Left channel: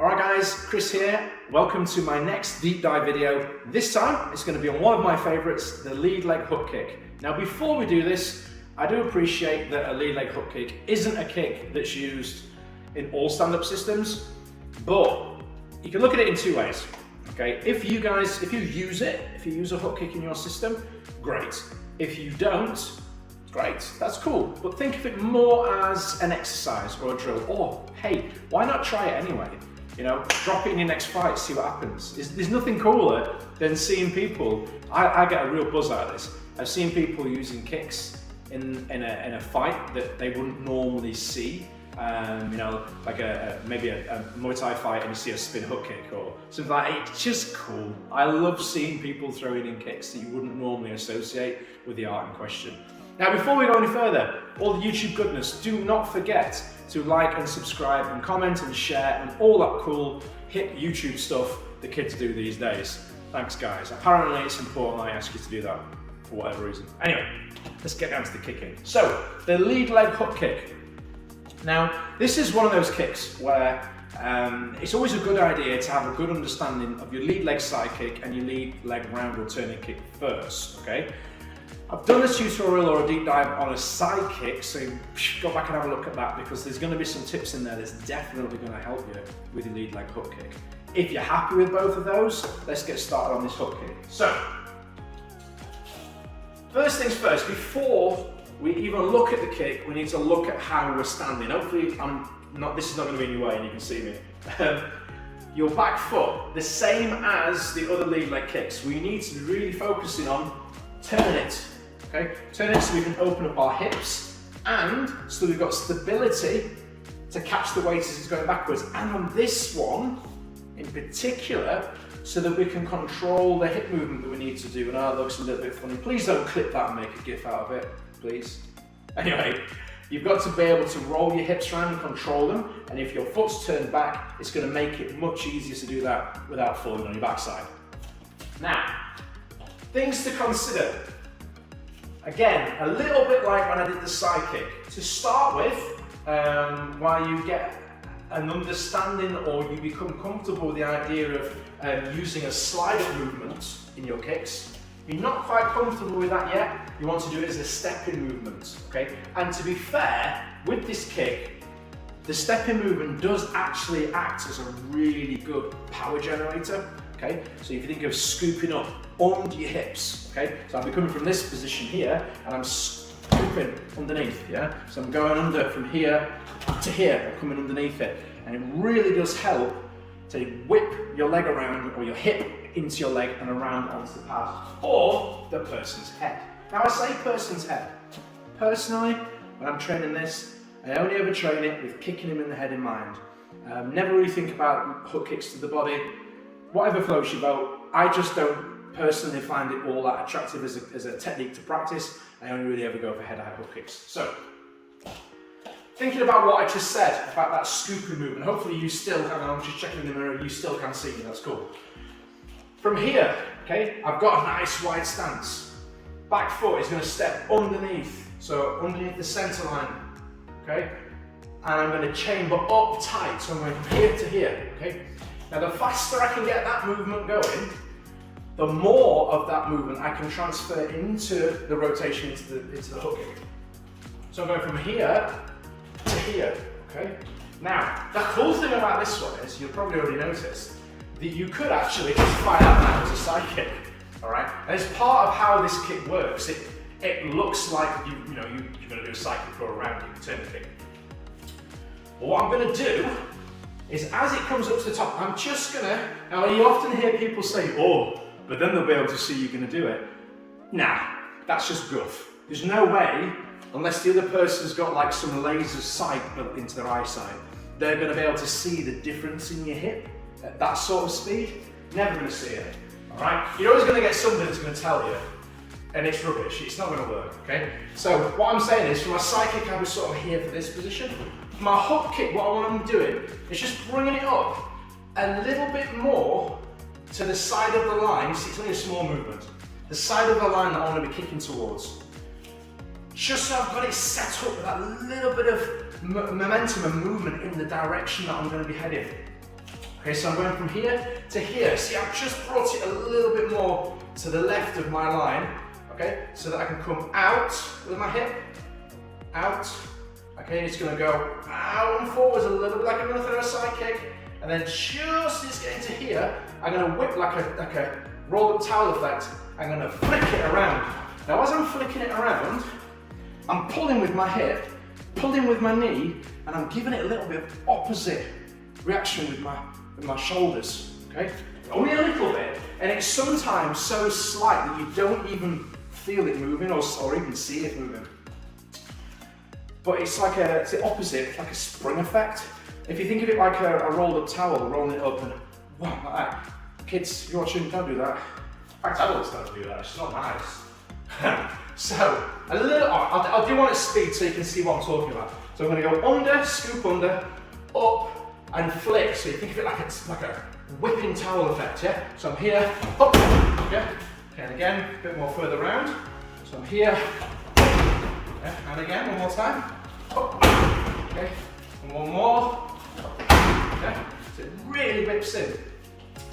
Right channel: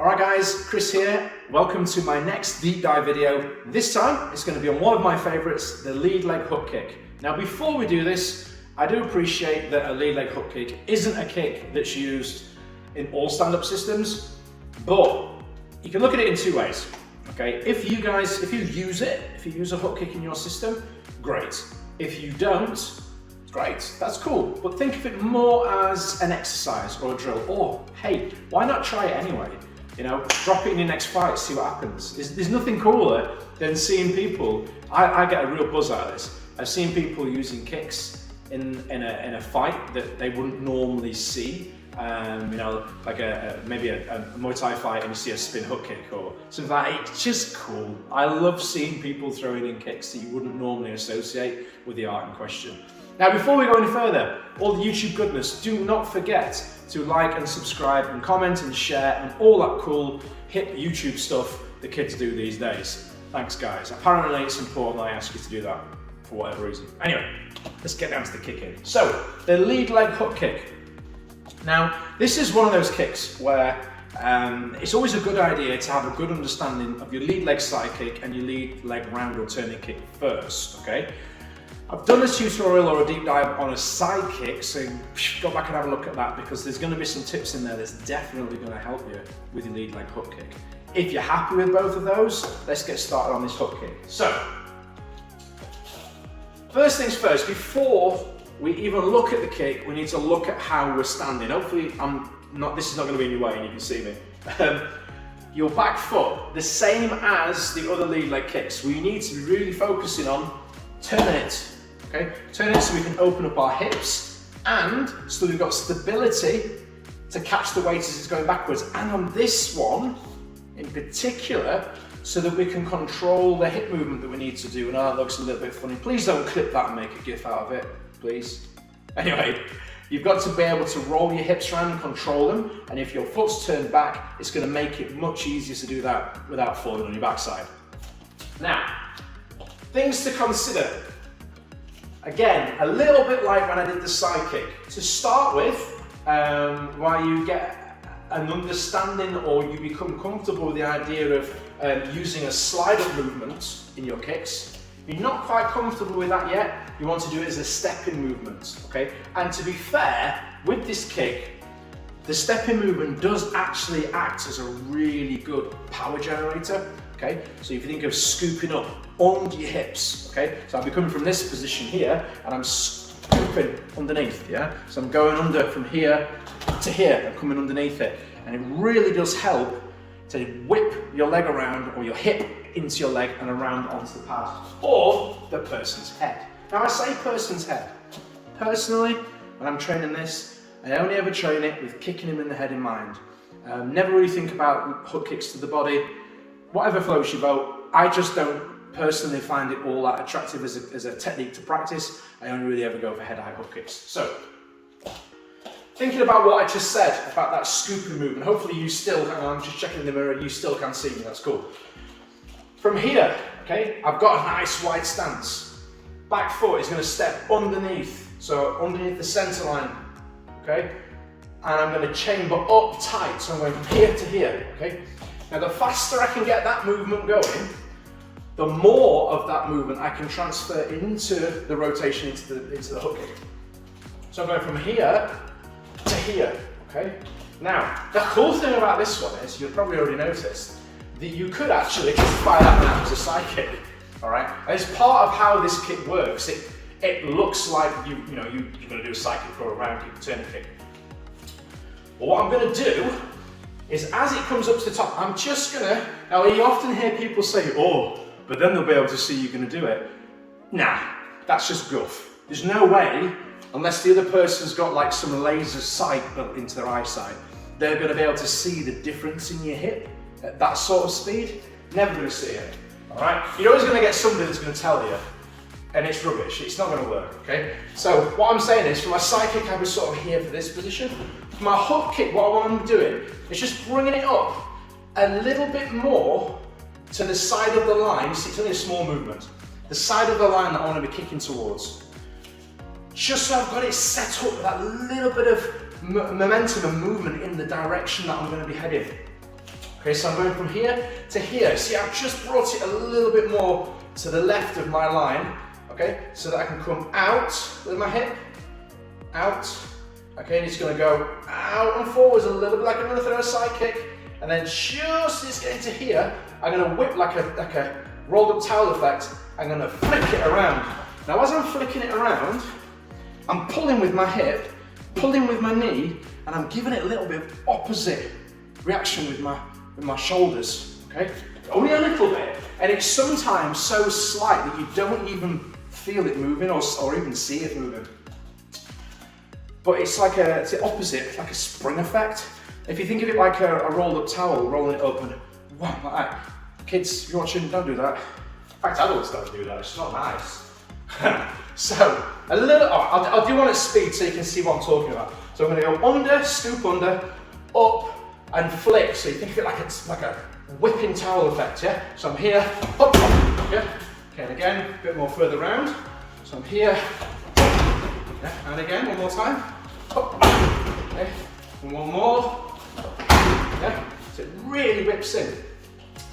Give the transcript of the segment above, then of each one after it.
Alright guys, Chris here. Welcome to my next deep dive video. This time it's going to be on one of my favourites, the lead leg hook kick. Now before we do this, I do appreciate that a lead leg hook kick isn't a kick that's used in all stand-up systems, but you can look at it in two ways. Okay, if you use a hook kick in your system, great. If you don't, great, that's cool. But think of it more as an exercise or a drill, or hey, why not try it anyway? You know, drop it in your next fight, see what happens. There's nothing cooler than seeing people, I get a real buzz out of this. I've seen people using kicks in a fight that they wouldn't normally see. You know, like maybe a Muay Thai fight and you see a spin hook kick or something like that. It's just cool. I love seeing people throwing in kicks that you wouldn't normally associate with the art in question. Now, before we go any further, all the YouTube goodness, do not forget to like and subscribe and comment and share and all that cool hip YouTube stuff the kids do these days. Thanks guys. Apparently it's important I ask you to do that for whatever reason. Anyway, let's get down to the kicking. So, the lead leg hook kick. Now, this is one of those kicks where it's always a good idea to have a good understanding of your lead leg side kick and your lead leg round or turning kick first, okay? I've done a tutorial or a deep dive on a side kick, so go back and have a look at that because there's going to be some tips in there that's definitely going to help you with your lead leg hook kick. If you're happy with both of those, let's get started on this hook kick. So, first things first, before we even look at the kick, we need to look at how we're standing. Hopefully this is not going to be in your way and you can see me. Your back foot, the same as the other lead leg kicks. We need to be really focusing on turning it. Okay, turn it so we can open up our hips and so we've got stability to catch the weight as it's going backwards. And on this one in particular, so that we can control the hip movement that we need to do. And that looks a little bit funny. Please don't clip that and make a gif out of it, please. Anyway, you've got to be able to roll your hips around and control them. And if your foot's turned back, it's going to make it much easier to do that without falling on your backside. Now, things to consider. Again, a little bit like when I did the side kick. To start with, while you get an understanding or you become comfortable with the idea of using a slide up movement in your kicks, if you're not quite comfortable with that yet, you want to do it as a step-in movement, okay? And to be fair, with this kick, the step-in movement does actually act as a really good power generator. Okay, so if you think of scooping up under your hips, okay, so I'll be coming from this position here and I'm scooping underneath, yeah, so I'm going under from here to here, I'm coming underneath it, and it really does help to whip your leg around or your hip into your leg and around onto the pad or the person's head. Now I say person's head. Personally, when I'm training this, I only ever train it with kicking him in the head in mind. Never really think about hook kicks to the body. Whatever floats your boat, I just don't personally find it all that attractive as a technique to practice. I only really ever go for head-high hook kicks. So, thinking about what I just said about that scooping movement, hopefully you still, hang on, I'm just checking in the mirror, you still can see me, that's cool. From here, okay, I've got a nice wide stance. Back foot is going to step underneath, so underneath the centre line, okay? And I'm going to chamber up tight, so I'm going from here to here, okay? Now, the faster I can get that movement going, the more of that movement I can transfer into the rotation into the hook kick. So I'm going from here to here, okay? Now, the cool thing about this one is, you've probably already noticed, that you could actually just fire that one out as a side kick, all right? And it's part of how this kick works. It looks like you're going to do a side kick or a round kick, turn kick. But what I'm going to do is as it comes up to the top, I'm just gonna, now you often hear people say, oh, but then they'll be able to see you're gonna do it. Nah, that's just guff. There's no way, unless the other person's got like some laser sight built into their eyesight, they're gonna be able to see the difference in your hip at that sort of speed. Never gonna see it, all right? You're always gonna get somebody that's gonna tell you, and it's rubbish, it's not gonna work, okay? So what I'm saying is, for my side kick, I was sort of here for this position. For my hook kick, what I want to doing is just bringing it up a little bit more to the side of the line. See, it's only a small movement. The side of the line that I want to be kicking towards. Just so I've got it set up with that little bit of momentum and movement in the direction that I'm going to be heading. Okay, so I'm going from here to here. See, I've just brought it a little bit more to the left of my line, okay, so that I can come out with my hip, out, okay, and it's going to go out and forwards a little bit like I'm going to throw a side kick, and then just as it's getting to here, I'm going to whip like a rolled up towel effect. I'm going to flick it around. Now as I'm flicking it around, I'm pulling with my hip, pulling with my knee, and I'm giving it a little bit of opposite reaction with my shoulders, okay? Only a little bit, and it's sometimes so slight that you don't even feel it moving or even see it moving. But it's like it's the opposite, like a spring effect. If you think of it like a rolled up towel, rolling it up and wow, like that. Kids, if you're watching, don't do that. In fact, adults don't do that, it's not nice. So, a little, I'll do one at speed so you can see what I'm talking about. So I'm gonna go under, scoop under, up, and flick. So you think of it like a whipping towel effect, yeah? So I'm here, up, yeah? Okay, and again, a bit more further round. So I'm here, yeah? And again, one more time, up, okay? And one more, yeah? So it really whips in.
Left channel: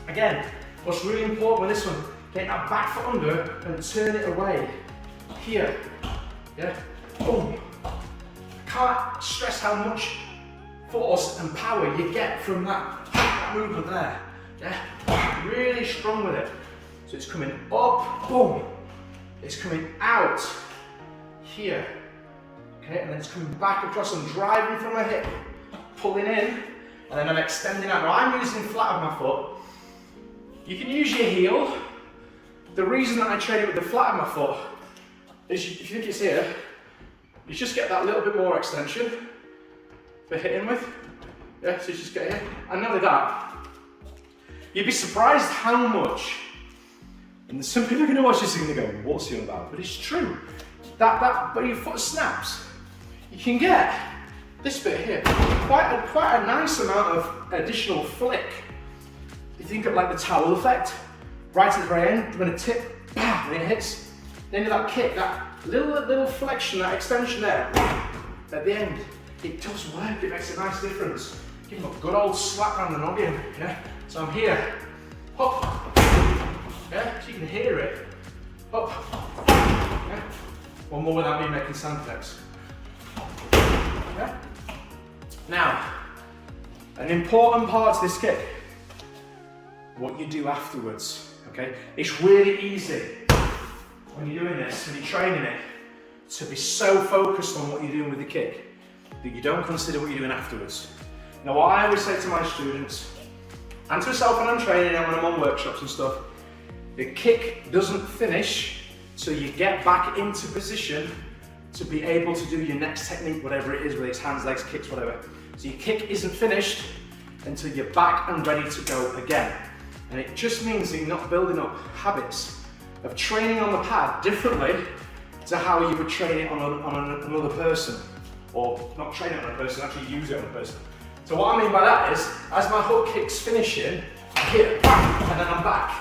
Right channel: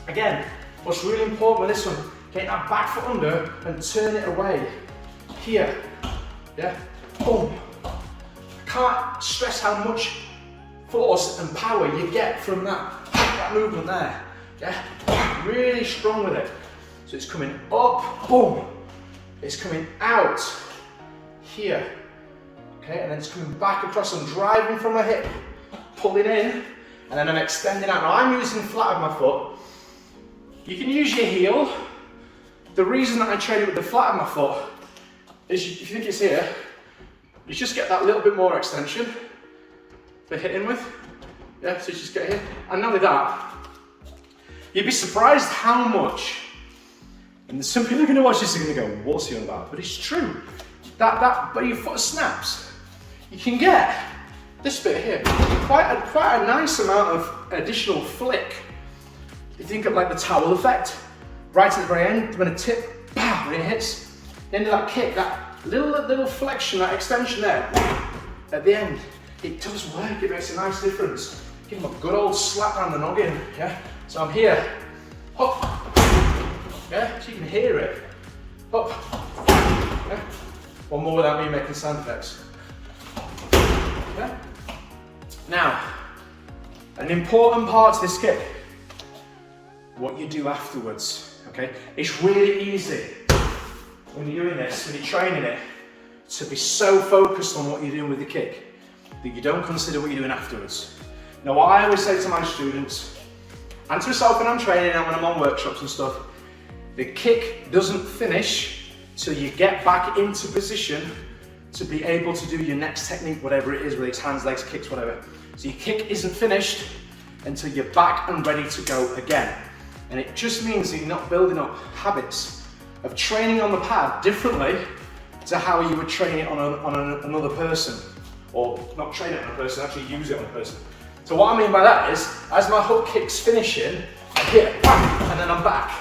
Again, what's really important with this one, get that back foot under and turn it away. Here, yeah? Boom. I can't stress how much force and power you get from that movement there, yeah? Really strong with it. So it's coming up, boom. It's coming out, here, okay? And then it's coming back across and driving from my hip, pulling in, and then I'm extending out. Now I'm using flat of my foot. You can use your heel. The reason that I train it with the flat of my foot is, if you think it's here, you just get that little bit more extension for hitting with. Yeah, so you just get here. And not only that, you'd be surprised how much, and some people are going to watch this and going to go, what's he on about? But it's true. But your foot snaps, you can get this bit here, quite a nice amount of additional flick. You think of like the towel effect, right at the very end, when a tip, bam, when it hits, then that kick, that little flexion, that extension there, at the end, it does work, it makes a nice difference. Give them a good old slap around the noggin, yeah? So I'm here, up, yeah, so you can hear it, up, yeah? One more without me making sound effects, yeah? Now, an important part to this kick, what you do afterwards, okay? It's really easy when you're doing this, when you're training it, to be so focused on what you're doing with the kick that you don't consider what you're doing afterwards. Now, what I always say to my students, and to myself when I'm training and when I'm on workshops and stuff, the kick doesn't finish till you get back into position to be able to do your next technique, whatever it is, whether it's hands, legs, kicks, whatever. So your kick isn't finished until you're back and ready to go again. And it just means that you're not building up habits of training on the pad differently to how you would train it on another person. Or not train it on a person, actually use it on a person. So what I mean by that is, as my hook kick's finishing, I hit, bam, and then I'm back.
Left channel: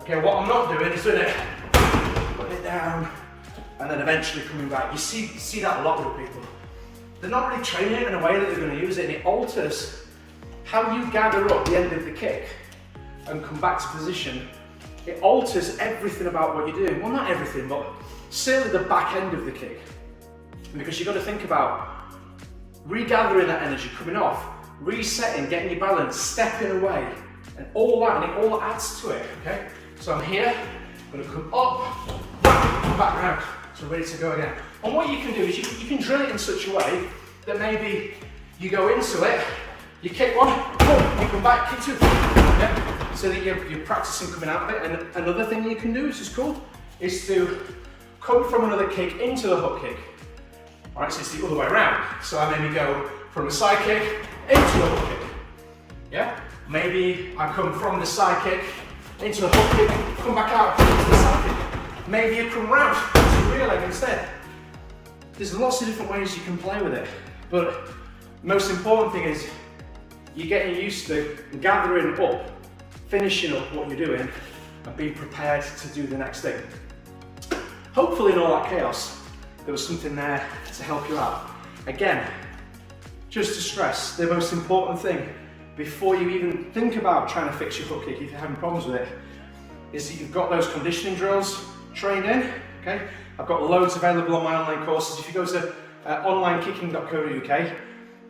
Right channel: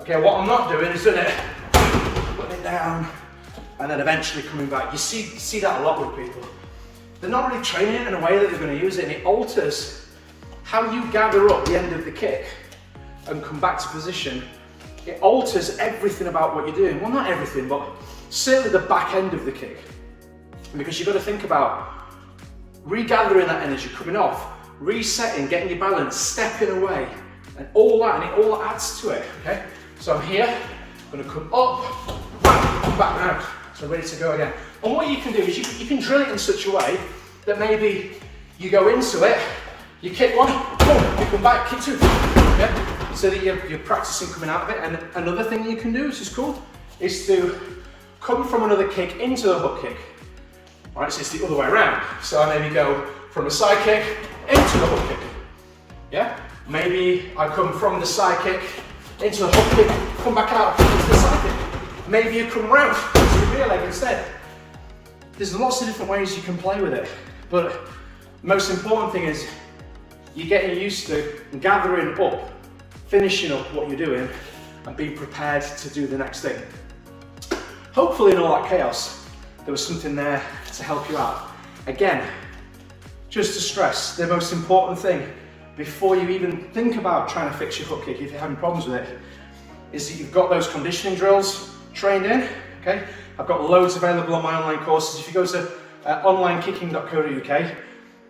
Okay, what I'm not doing is doing it, putting it down, and then eventually coming back. You see that a lot with people. They're not really training it in a way that they're going to use it, and it alters how you gather up the end of the kick and come back to position. It alters everything about what you're doing. Well, not everything, but certainly the back end of the kick. Because you've got to think about regathering that energy, coming off, resetting, getting your balance, stepping away, and all that, and it all adds to it, okay? So I'm here, I'm gonna come up, back round, so ready to go again. And what you can do is you can drill it in such a way that maybe you go into it, you kick one, boom, you come back, kick two, yeah? So that you're practicing coming out of it. And another thing you can do, which is cool, is to come from another kick into the hook kick. All right, so it's the other way around. So I maybe go from a side kick into the hook kick, yeah? Maybe I come from the side kick into the hook kick, come back out into the side kick. Maybe you come round to the rear leg instead. There's lots of different ways you can play with it, but the most important thing is you're getting used to gathering up, finishing up what you're doing, and being prepared to do the next thing. Hopefully in all that chaos, there was something there to help you out. Again, just to stress, the most important thing before you even think about trying to fix your hook kick, if you're having problems with it, is that you've got those conditioning drills trained in, okay? I've got loads available on my online courses. If you go to onlinekicking.co.uk,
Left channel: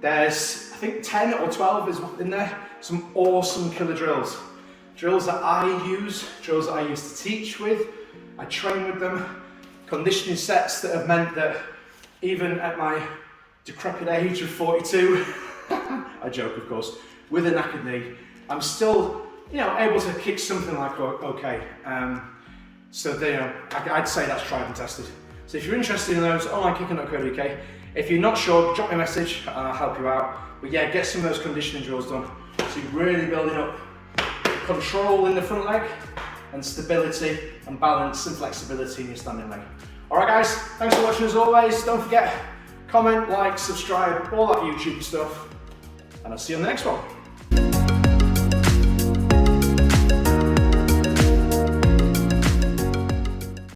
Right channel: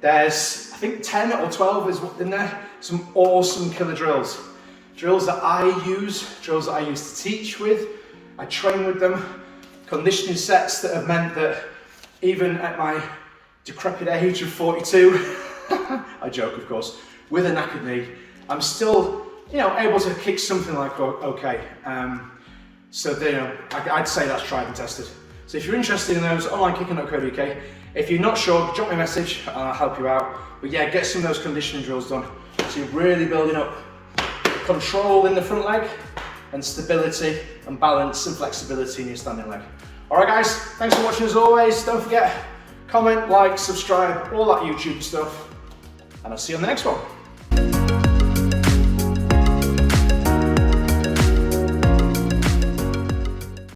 there's, I think 10 or 12 is in there, some awesome killer drills. Drills that I use, drills that I used to teach with, I train with them, conditioning sets that have meant that even at my decrepit age of 42, I joke of course, with a knackered knee, I'm still, able to kick something like okay. So I'd say that's tried and tested. So if you're interested in those, onlinekicking.co.uk. If you're not sure, drop me a message and I'll help you out. But yeah, get some of those conditioning drills done. So you're really building up control in the front leg and stability and balance and flexibility in your standing leg. All right guys, thanks for watching as always. Don't forget, comment, like, subscribe, all that YouTube stuff. And I'll see you on the next one.